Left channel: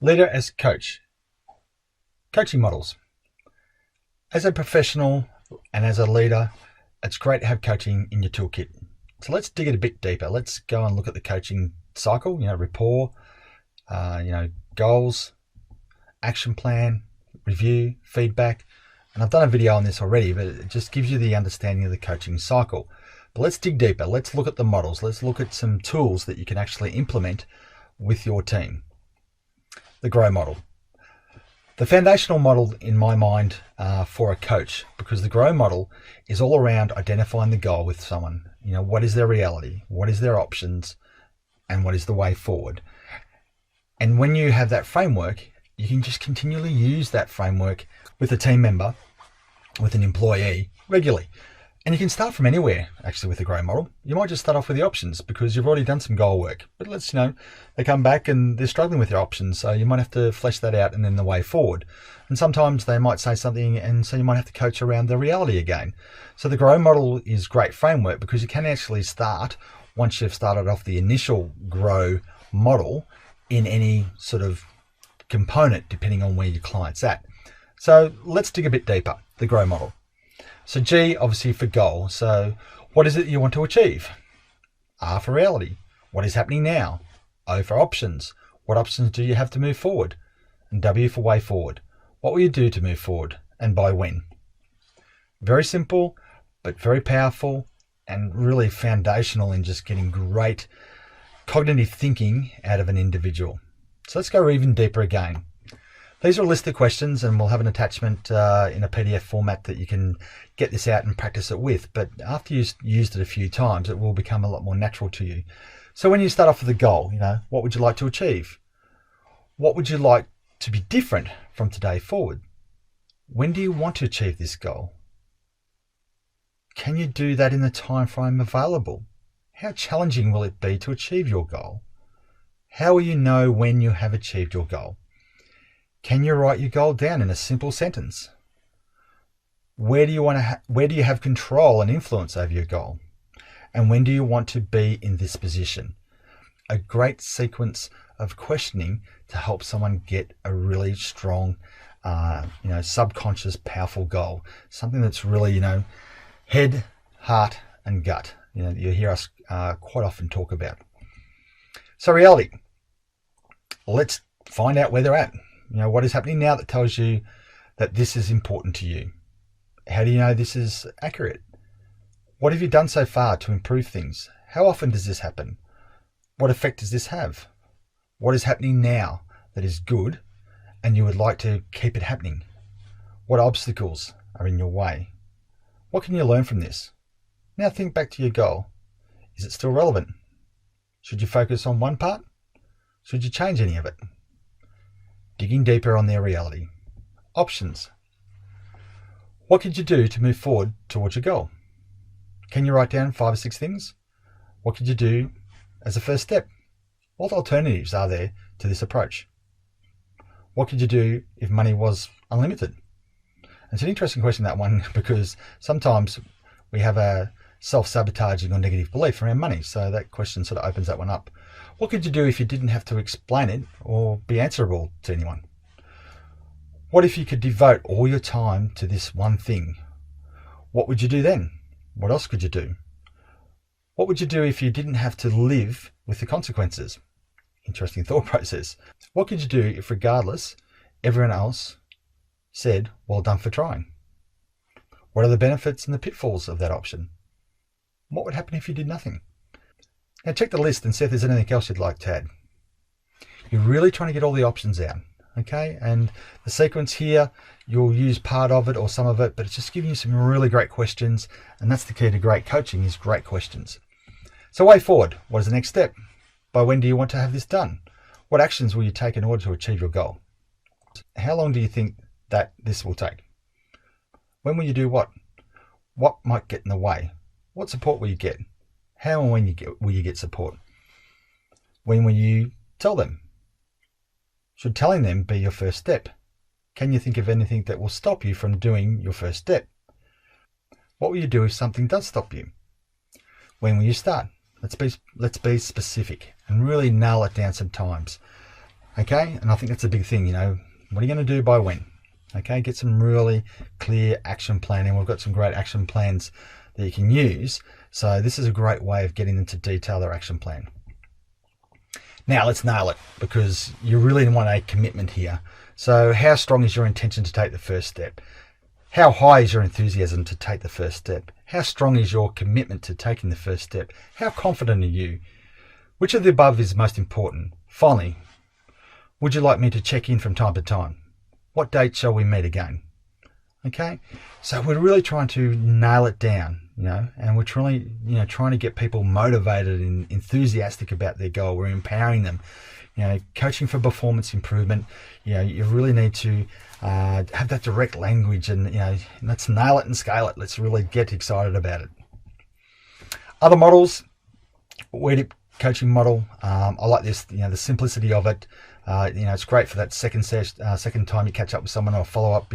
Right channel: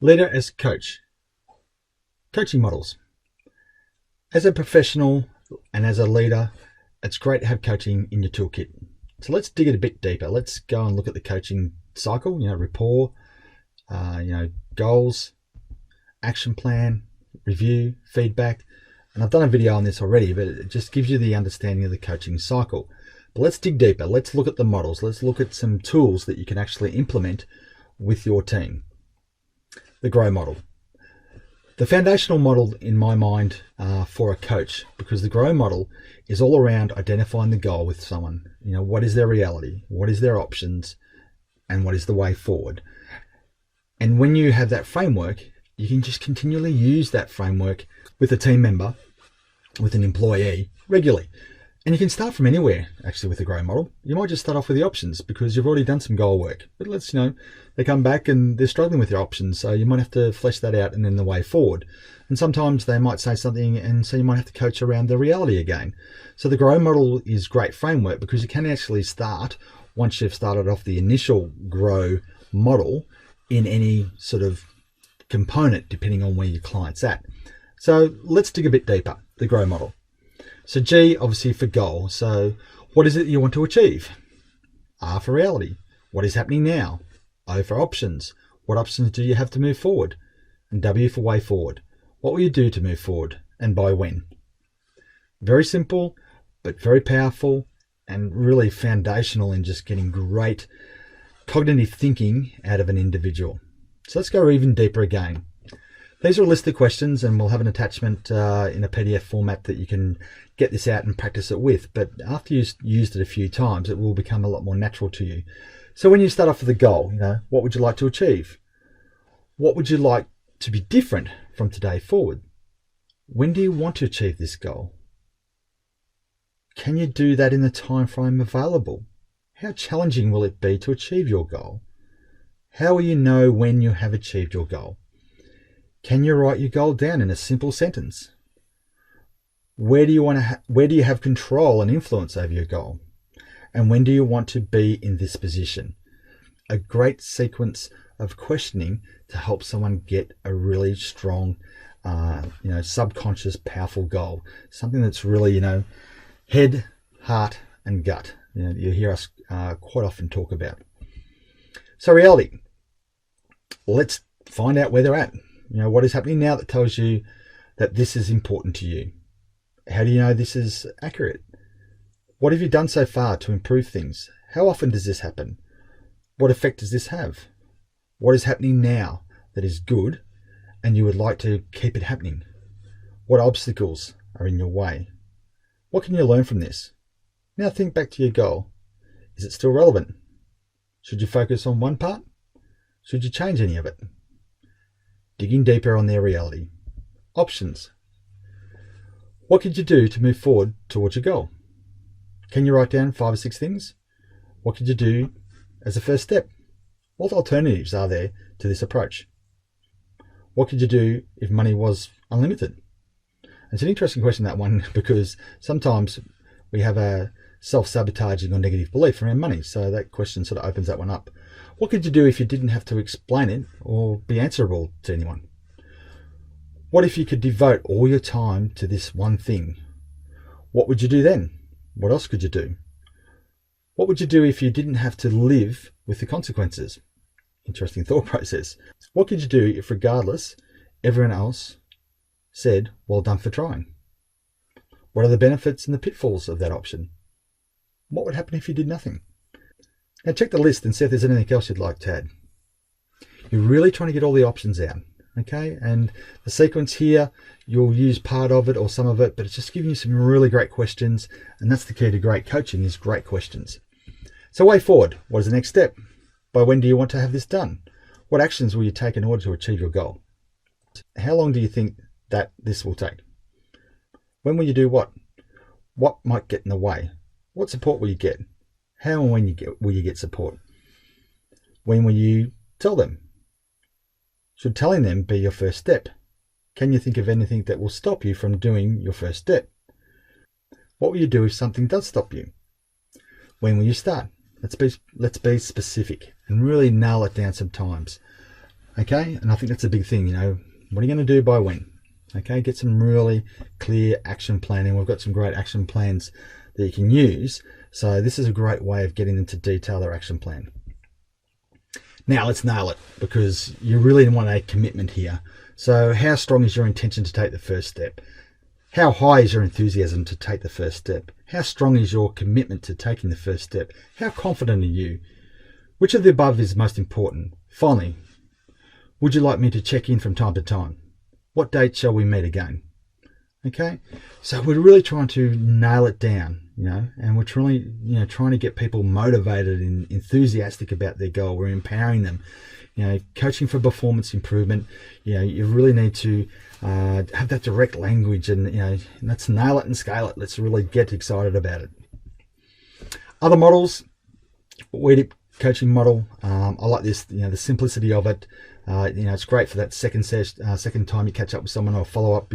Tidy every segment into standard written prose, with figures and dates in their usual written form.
Leader as coach. Coaching models. As a professional and as a leader, it's great to have coaching in your toolkit. So let's dig it a bit deeper. Let's go and look at the coaching cycle, rapport, goals, action plan, review, feedback. And I've done a video on this already, but it just gives you the understanding of the coaching cycle. But let's dig deeper. Let's look at the models. Let's look at some tools that you can actually implement with your team. The GROW model. The foundational model in my mind for a coach, because the GROW model is all around identifying the goal with someone. What is their reality? What is their options? And what is the way forward? And when you have that framework, you can just continually use that framework with a team member, with an employee regularly. And you can start from anywhere, actually, with the GROW model. You might just start off with the options because you've already done some goal work. But they come back and they're struggling with their options. So you might have to flesh that out and then the way forward. And sometimes they might say something, and so you might have to coach around the reality again. So the GROW model is great framework because you can actually start, once you've started off the initial GROW model, in any sort of component, depending on where your client's at. So let's dig a bit deeper, the GROW model. So G, obviously, for goal. So what is it you want to achieve? R for reality. What is happening now? O for options. What options do you have to move forward? And W for way forward. What will you do to move forward and by when? Very simple, but very powerful and really foundational in just getting great cognitive thinking out of an individual. So let's go even deeper again. These are a list of questions, and we'll have an attachment in a PDF format that you can get this out and practice it with. But after you've used it a few times, it will become a lot more natural to you. So when you start off with a goal, what would you like to achieve? What would you like to be different from today forward? When do you want to achieve this goal? Can you do that in the time frame available? How challenging will it be to achieve your goal? How will you know when you have achieved your goal? Can you write your goal down in a simple sentence? Where do you have control and influence over your goal? And when do you want to be in this position? A great sequence of questioning to help someone get a really strong, subconscious, powerful goal. Something that's really, head, heart, and gut. You hear us quite often talk about. So reality. Let's find out where they're at. What is happening now that tells you that this is important to you? How do you know this is accurate? What have you done so far to improve things? How often does this happen? What effect does this have? What is happening now that is good and you would like to keep it happening? What obstacles are in your way? What can you learn from this? Now think back to your goal. Is it still relevant? Should you focus on one part? Should you change any of it? Digging deeper on their reality. Options. What could you do to move forward towards your goal? Can you write down 5 or 6 things? What could you do as a first step? What alternatives are there to this approach? What could you do if money was unlimited? It's an interesting question, that one, because sometimes we have a self-sabotaging or negative belief around money. So that question sort of opens that one up. What could you do if you didn't have to explain it or be answerable to anyone? What if you could devote all your time to this one thing? What would you do then? What else could you do? What would you do if you didn't have to live with the consequences? Interesting thought process. What could you do if, regardless, everyone else said, well done for trying? What are the benefits and the pitfalls of that option? What would happen if you did nothing? Now check the list and see if there's anything else you'd like to add. You're really trying to get all the options out, okay? And the sequence here, you'll use part of it or some of it, but it's just giving you some really great questions. And that's the key to great coaching, is great questions. So way forward, what is the next step? By when do you want to have this done? What actions will you take in order to achieve your goal? How long do you think that this will take? When will you do what? What might get in the way? What support will you get? How and when will you get support? When will you tell them? Should telling them be your first step? Can you think of anything that will stop you from doing your first step? What will you do if something does stop you? When will you start? Let's be specific and really nail it down sometimes. Okay, and I think that's a big thing. What are you going to do by when? Okay, get some really clear action planning. We've got some great action plans that you can use. So this is a great way of getting them to detail their action plan. Now let's nail it, because you really want a commitment here. So how strong is your intention to take the first step? How high is your enthusiasm to take the first step? How strong is your commitment to taking the first step? How confident are you? Which of the above is most important? Finally, would you like me to check in from time to time? What date shall we meet again? Okay, so we're really trying to nail it down, and we're really, trying to get people motivated and enthusiastic about their goal. We're empowering them. Coaching for performance improvement. You really need to have that direct language, and let's nail it and scale it. Let's really get excited about it. Other models, WEDIP coaching model. I like this. The simplicity of it. It's great for that second time you catch up with someone, or follow up.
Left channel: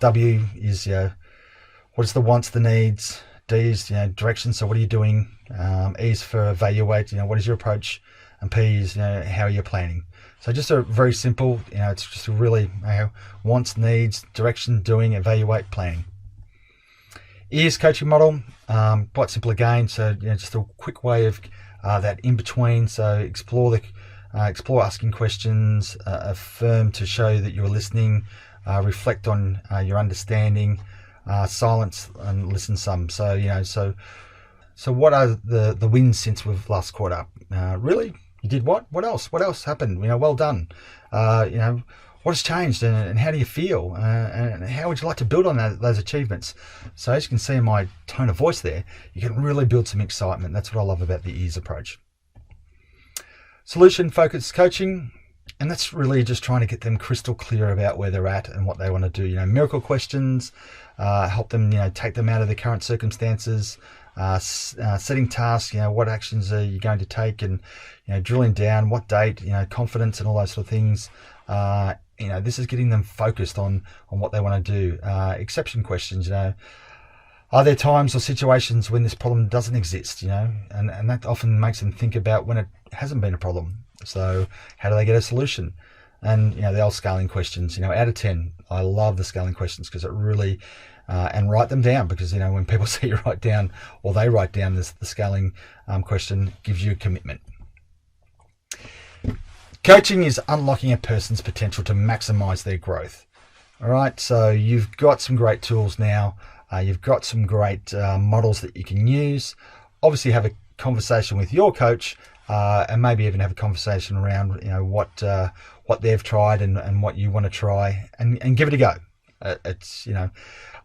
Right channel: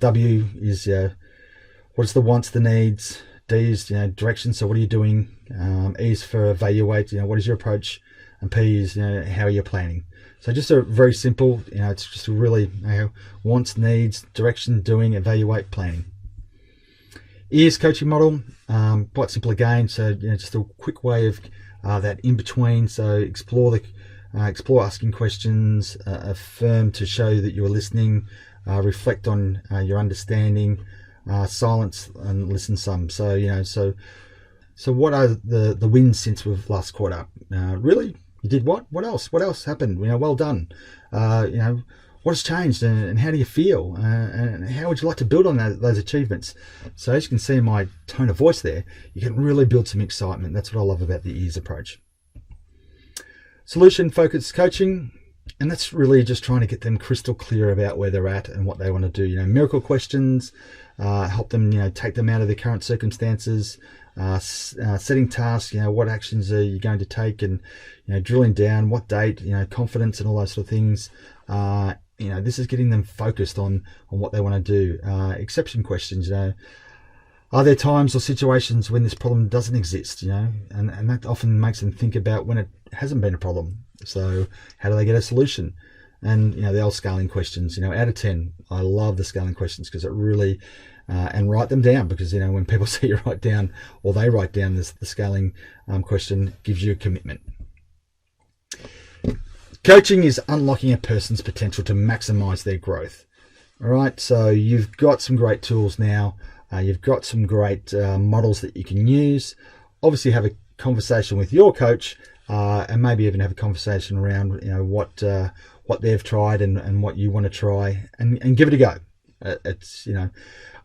W is what is the wants, the needs. D is direction. So what are you doing? E is for evaluate. What is your approach? And P is how are you planning? So just a very simple. It's just a really wants, needs, direction, doing, evaluate, planning. E is coaching model. Quite simple again. So just a quick way of that in between. So explore asking questions, affirm to show that you're listening, reflect on your understanding, silence and listen some. So so what are the wins since we've last caught up? Really, you did what? What else? What else happened? Well done. What has changed, and how do you feel? And how would you like to build on those achievements? So as you can see in my tone of voice there, you can really build some excitement. That's what I love about the EARS approach. Solution focused coaching, and that's really just trying to get them crystal clear about where they're at and what they want to do. Miracle questions, help them take them out of their current circumstances, setting tasks, what actions are you going to take, and drilling down what date, confidence and all those sort of things. This is getting them focused on what they want to do. Exception questions, are there times or situations when this problem doesn't exist, and that often makes them think about when it hasn't been a problem. So how do they get a solution? And the old scaling questions, out of 10, I love the scaling questions, because it really and write them down, because when people see you write down, or they write down the scaling question, gives you a commitment. Coaching is unlocking a person's potential to maximize their growth. All right, so you've got some great tools now. You've got some great models that you can use. Obviously have a conversation with your coach, and maybe even have a conversation around what they've tried and what you want to try, and give it a go. It's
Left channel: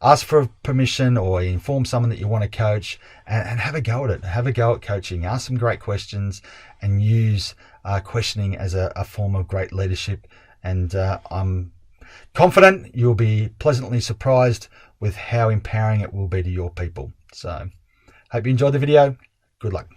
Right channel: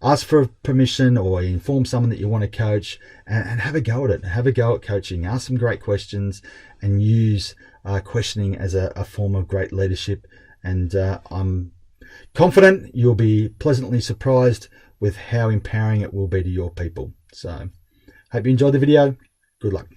ask for permission, or inform someone that you want to coach, and have a go at it. Have a go at coaching. Ask some great questions, and use questioning as a form of great leadership. And I'm confident you'll be pleasantly surprised with how empowering it will be to your people. So hope you enjoyed the video. Good luck.